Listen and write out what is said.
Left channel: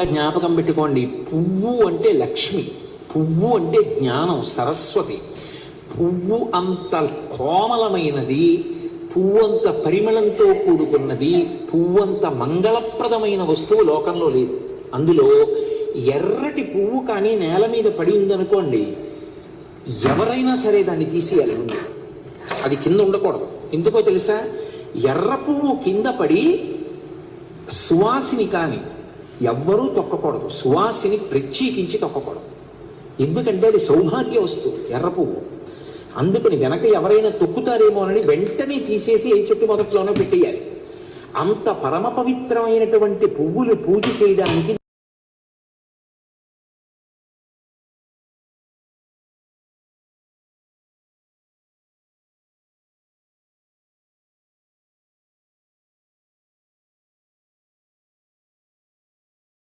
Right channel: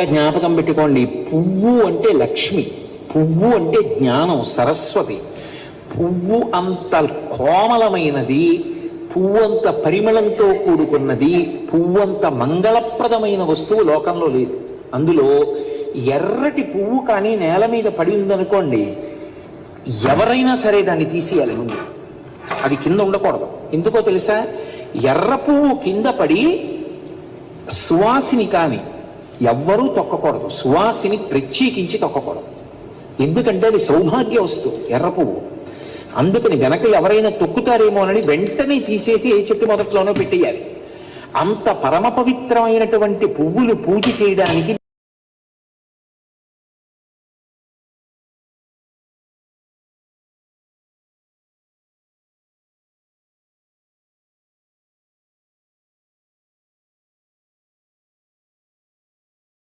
జ్ఞాపకం పెట్టుకోండి, పువ్వు అంటే లక్ష్మి, పువ్వు అంటే జ్ఞానం, సరస్వతి. పువ్వు అంత కోమలమైనది, పువ్వంత పరిమళంతో కూడుకున్నది, పువ్వంత మంగళప్రదమైన వస్తువు లోకంలో లేదు. అందులో ఎర్రటి పువ్వు కానీ నేల మీద పడి ఉందనుకోండి, ఎవరైనా సరే దాన్ని తీసేయాలి ముందు, అది కింద ఉండకూడదు. ఎందుకో తెలుసా? ఎర్ర పువ్వు కింద పడి సువాసిని కానీ ఎవ్వరూ తొక్కకూడదు, సువాసిని ప్రత్యేకించి తొక్కకూడదు. ఎందుకంటే అది సౌభాగ్య వస్తువు ఎర్ర పువ్వు. అందుకని వెనక ఎవరైనా తొక్కుతారేమోనని వెంటనే తీసేసి ఏ చెట్టు మొదట్లోనో పెట్టేయాలి. అంత పరమ పవిత్రమైనటువంటి పువ్వులు పూజ చేయడానికి